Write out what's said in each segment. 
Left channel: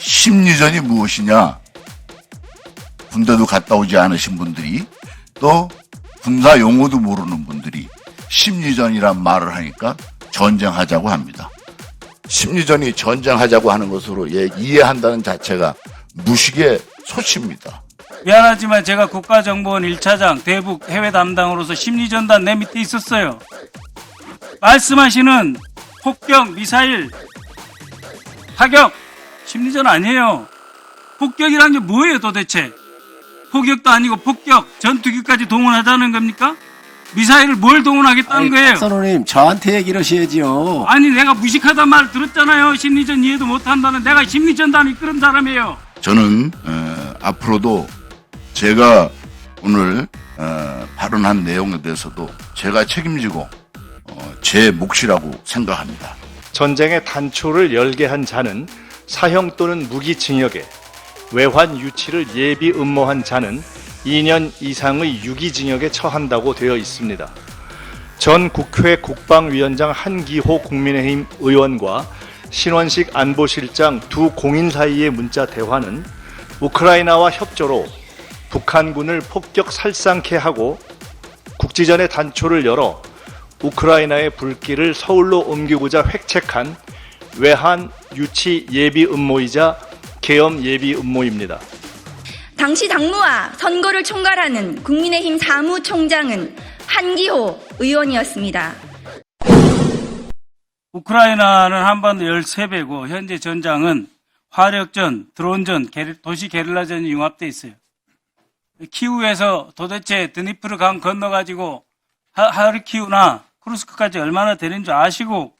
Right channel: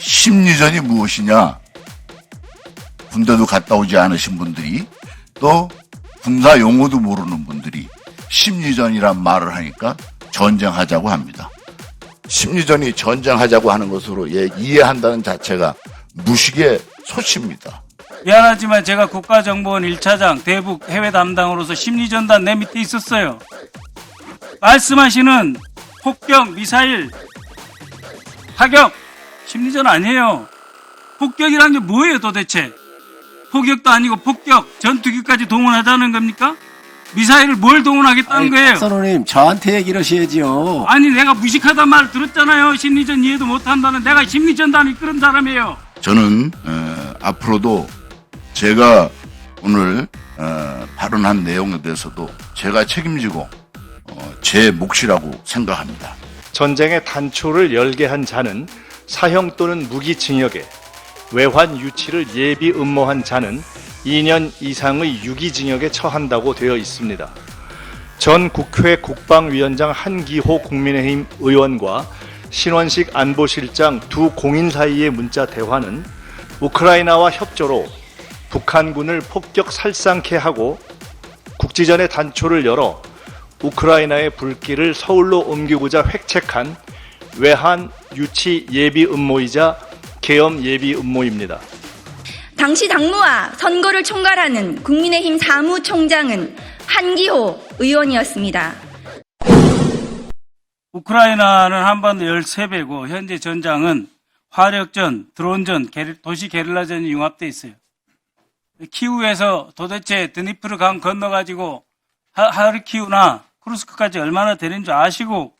심리전이 무엇이냐? 군대도 갔다 오지 않으신 분들이 또 군사 용어도 모르는 분들이 심리전이란 말을 하니까 전쟁하자고 합니다. 심리전이 전쟁하자고 하는 것으로 이해한다는 자체가 무식의 소치입니다. 미안하지만 제가 국가정보원 1차장 대북 해외 담당으로서 심리전단 내 밑에 있었어요. 말씀하시는 폭격, 미사일, 타격, 심리전 아니에요. 폭격이란 게 뭐예요 도대체? 폭격도 아니고 폭격, 전투기까지 동원하자는 겁니까? 미사일을 뭘 동원하겠다는 거예요? 박선호님, 저한테 얘기를 하셔야죠. 아니 내가 무식하단 말 들었잖아요. 심리전 이해도 못한다는. 내가 심리전단을 이끄는 사람이에요. 저는 앞으로도 제가 오늘 발언한 내용에 대해서도 제가 책임지고 제 몫이라고 생각합니다. 전쟁의 단초를 열게 한 자는 사형 또는 무기징역에, 외환 유치를 예비 음모한 자는 2년 이상의 유기징역에 처한다고 되어 있습니다. 전 국회 국방위원장 한기호 국민의힘 의원과 신원식 안보실장 두 공인 사이의 문자 대화는 우크라이나와 협조로 북한군을 폭격 살상케 하고 국지전의 단초를 열어 우크라이나의 불길을 서울로 옮기고자 획책한 외환 유치 예비 음모이자 계엄 예비 음모입니다. 당시 당무와 선거를 총괄하는 국민의힘 사무총장은 한기호 의원이었습니다. 우크라이나는 한반도 13배고 현재 전장은 화력전, 드론전, 도시 게릴라전이 융합되어 있어요. 키우에서 도대체 드니프르 강 건너가지고 하르키우나 쿠르스크까지 얼마나 되는 줄 아시고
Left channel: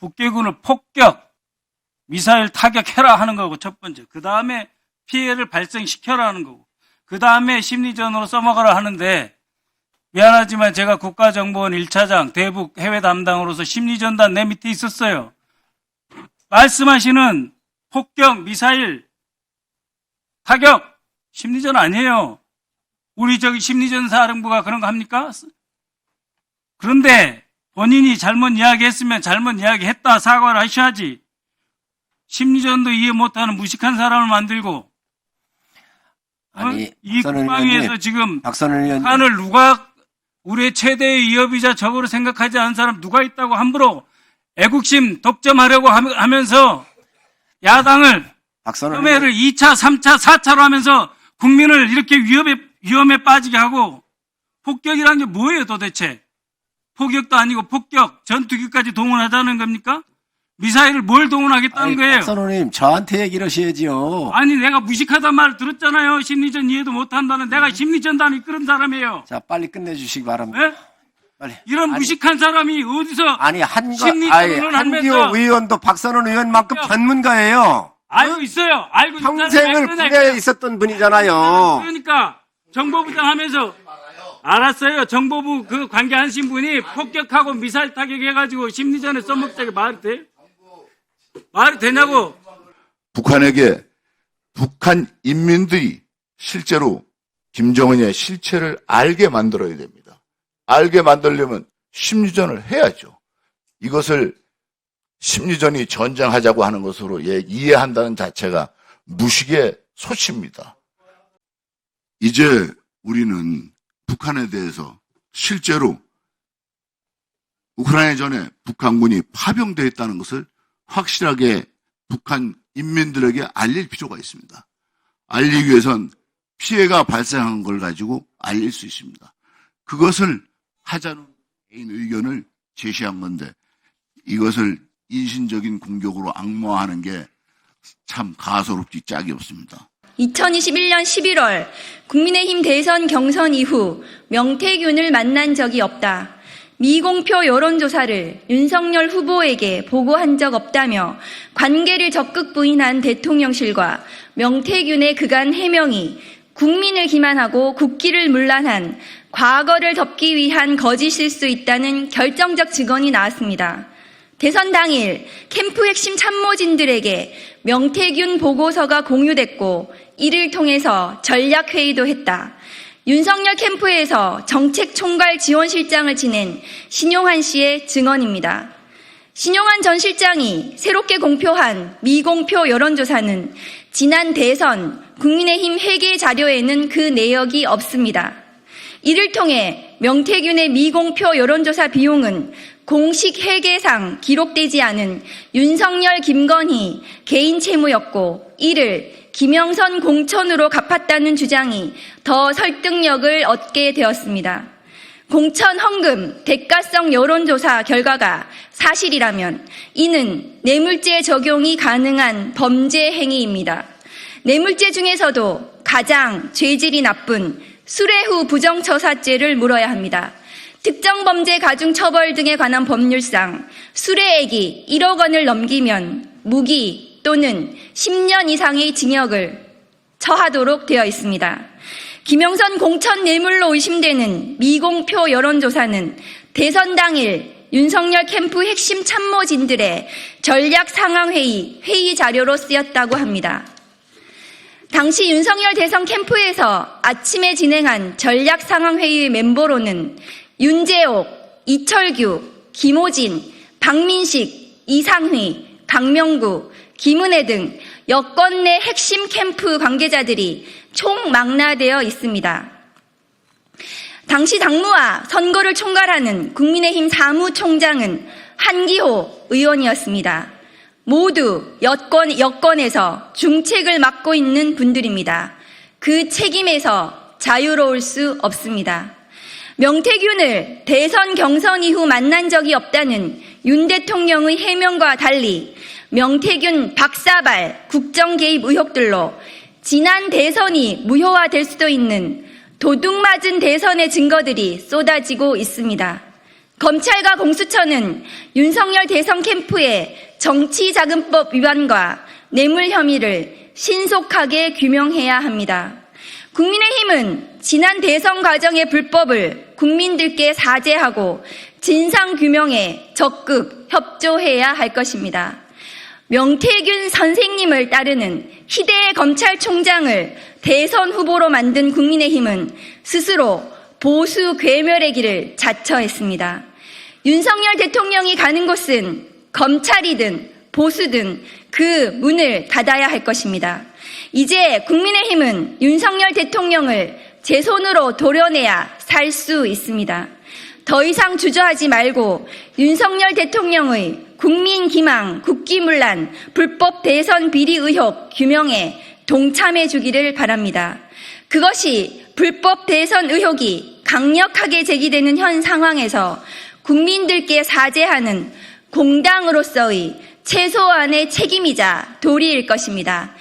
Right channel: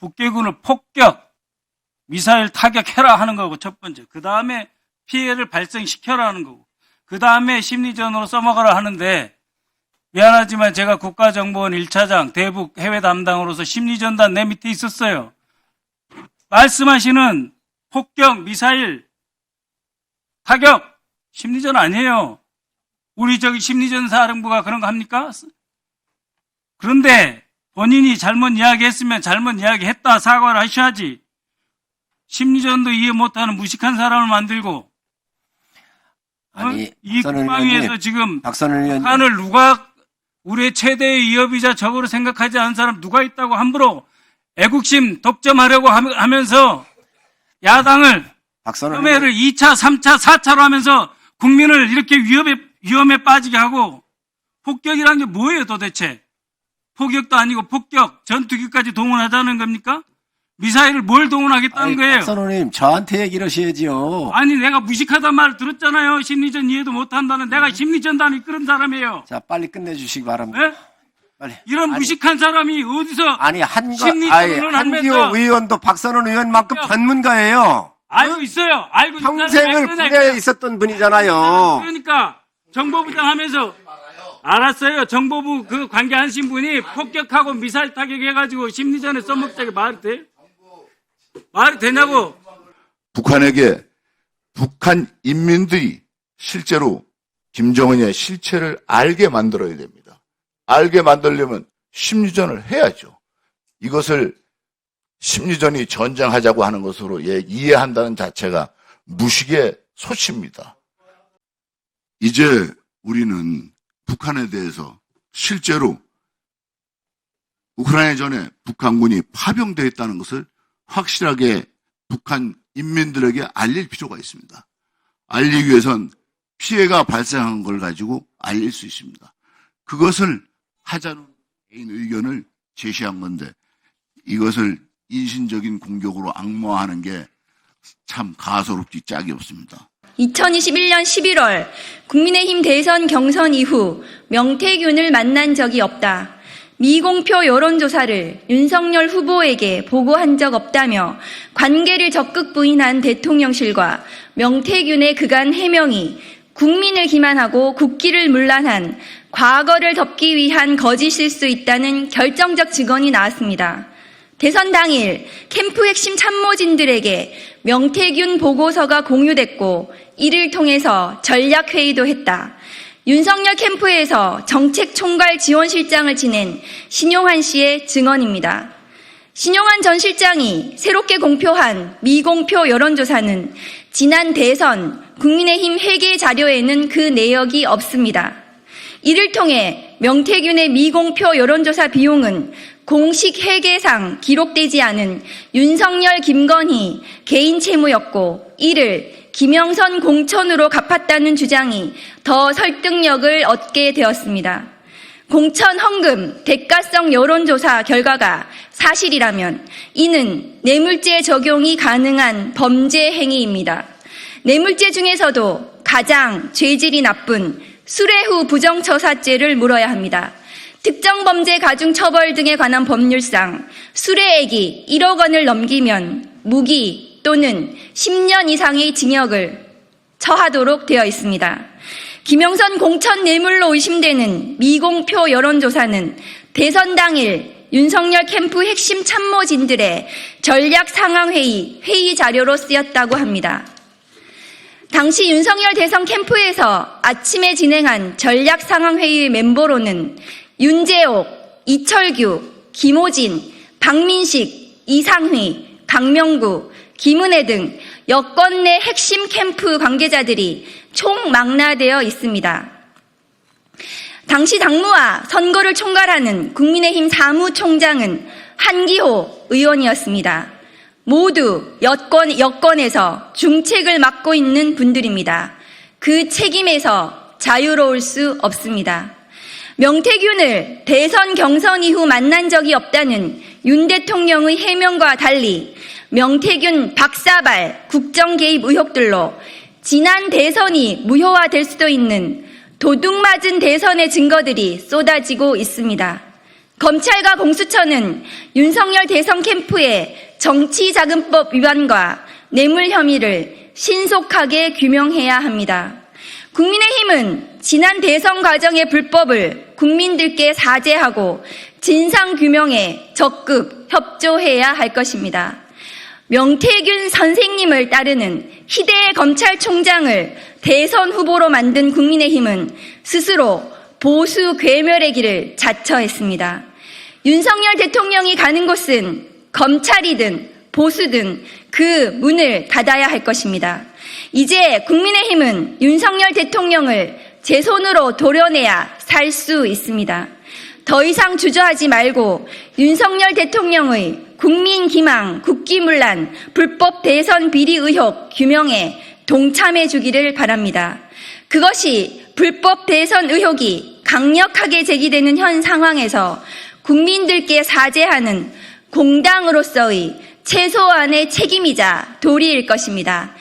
북괴군을 폭격, 미사일 타격해라 하는 거고 첫 번째. 그 다음에 피해를 발생시켜라 하는 거고. 그 다음에 심리전으로 써먹으라 하는데 미안하지만 제가 국가정보원 1차장 대북 해외 담당으로서 심리전단 내 밑에 있었어요. 말씀하시는 폭격, 미사일, 타격, 심리전 아니에요. 우리 저기 심리전 사령부가 그런 거 합니까? 그런데 본인이 잘못 이야기했으면 잘못 이야기했다 사과를 하셔야지. 심리전도 이해 못하는 무식한 사람을 만들고 아니, 이 국방위에서 지금 박선호 의원님, 북한을 누가 우리의 최대의 위협이자 적으로 생각하지 않은 사람 누가 있다고 함부로 애국심 독점하려고 하면서 야당을 박선호 혐의를 2차, 3차, 4차로 하면서 국민을 이렇게 위험에 빠지게 하고 폭격이란 게 뭐예요 도대체? 폭격도 아니고 폭격, 전투기까지 동원하자는 겁니까? 미사일을 뭘 동원하겠다는 거예요? 박선호님, 저한테 얘기를 하셔야죠. 아니 내가 무식하단 말 들었잖아요. 심리전 이해도 못한다는. 내가 심리전단을 이끄는 사람이에요. 자, 빨리 끝내주시기 바랍니다. 네? 빨리. 이런 무식한 사람이 어디서 심리전을 한기호 하면서 의원도 박선호 의원만큼 전문가예요. 알고 있어요. 알고 있는 평생을 사람이 군대에 그냥 있었던 분이잖아요. 그러니까 정보부장 하면서 알았어요. 정보부 그 관계하신 분이 폭격하고 미사일 타격해가지고 심리전에 써먹자게 말이 돼? 말이 되냐고. 북한에게 북한 인민들이 실제로 김정은의 실체를 알게 만들어야 됩니다. 알게 만들려면 심리전을 해야죠. 이것을 심리전이 전쟁하자고 하는 것으로 이해한다는 자체가 무식의 소치입니다. 이제 우리는 북한에 대해서 실제로 우크라이나 전에 북한군이 파병되어 있다는 것을 확실하게 북한 인민들에게 알릴 필요가 있습니다. 알리기 위해선 피해가 발생한 걸 가지고 알릴 수 있습니다. 그것을 하자는 개인 의견을 제시한 건데 이것을 인신적인 공격으로 악마화하는 게 참 가소롭지 짝이 없습니다. 2021년 11월 국민의힘 대선 경선 이후 명태균을 만난 적이 없다. 미공표 여론조사를 윤석열 후보에게 보고한 적 없다며 관계를 적극 부인한 대통령실과 명태균의 그간 해명이 국민을 기만하고 국기를 문란한 과거를 덮기 위한 거짓일 수 있다는 결정적 증언이 나왔습니다. 대선 당일 캠프 핵심 참모진들에게 명태균 보고서가 공유됐고 이를 통해서 전략회의도 했다. 윤석열 캠프에서 정책총괄 지원실장을 지낸 신용환 씨의 증언입니다. 신용환 전 실장이 새롭게 공표한 미공표 여론조사는 지난 대선 국민의힘 회계 자료에는 그 내역이 없습니다. 이를 통해 명태균의 미공표 여론조사 비용은 공식 회계상 기록되지 않은 윤석열, 김건희 개인 채무였고 이를 김영선 공천으로 갚았다는 주장이 더 설득력을 얻게 되었습니다. 공천 헌금 대가성 여론조사 결과가 사실이라면 이는 뇌물죄 적용이 가능한 범죄 행위입니다. 뇌물죄 중에서도 가장 죄질이 나쁜 수뢰후 부정처사죄를 물어야 합니다. 특정범죄 가중처벌 등에 관한 법률상 수뢰액이 1억 원을 넘기면 무기 또는 10년 이상의 징역을 처하도록 되어 있습니다. 김영선 공천 뇌물로 의심되는 미공표 여론조사는 대선 당일 윤석열 캠프 핵심 참모진들의 전략 상황회의 회의 자료로 쓰였다고 합니다. 당시 윤석열 대선 캠프에서 아침에 진행한 전략 상황회의 멤버로는 윤재옥, 이철규, 김호진, 박민식, 이상휘, 강명구, 김은혜 등 여권 내 핵심 캠프 관계자들이 총망라되어 있습니다. 당시 당무와 선거를 총괄하는 국민의힘 사무총장은 한기호 의원이었습니다. 모두 여권에서 중책을 맡고 있는 분들입니다. 그 책임에서 자유로울 수 없습니다. 명태균을 대선 경선 이후 만난 적이 없다는 윤 대통령의 해명과 달리 명태균 박사발 국정 개입 의혹들로 지난 대선이 무효화될 수도 있는 도둑맞은 대선의 증거들이 쏟아지고 있습니다. 검찰과 공수처는 윤석열 대선 캠프의 정치자금법 위반과 뇌물 혐의를 신속하게 규명해야 합니다. 국민의힘은 지난 대선 과정의 불법을 국민들께 사죄하고 진상규명에 적극 협조해야 할 것입니다. 명태균 선생님을 따르는 희대의 검찰총장을 대선 후보로 만든 국민의힘은 스스로 보수 괴멸의 길을 자처했습니다. 윤석열 대통령이 가는 곳은 검찰이든 보수든 그 문을 닫아야 할 것입니다. 이제 국민의힘은 윤석열 대통령을 제 손으로 도려내야 살 수 있습니다. 더 이상 주저하지 말고 윤석열 대통령의 국민기망, 국기문란, 불법 대선 비리 의혹 규명에 동참해 주기를 바랍니다. 그것이 불법 대선 의혹이 강력하게 제기되는 현 상황에서 국민들께 사죄하는 공당으로서의 최소한의 책임이자 도리일 것입니다.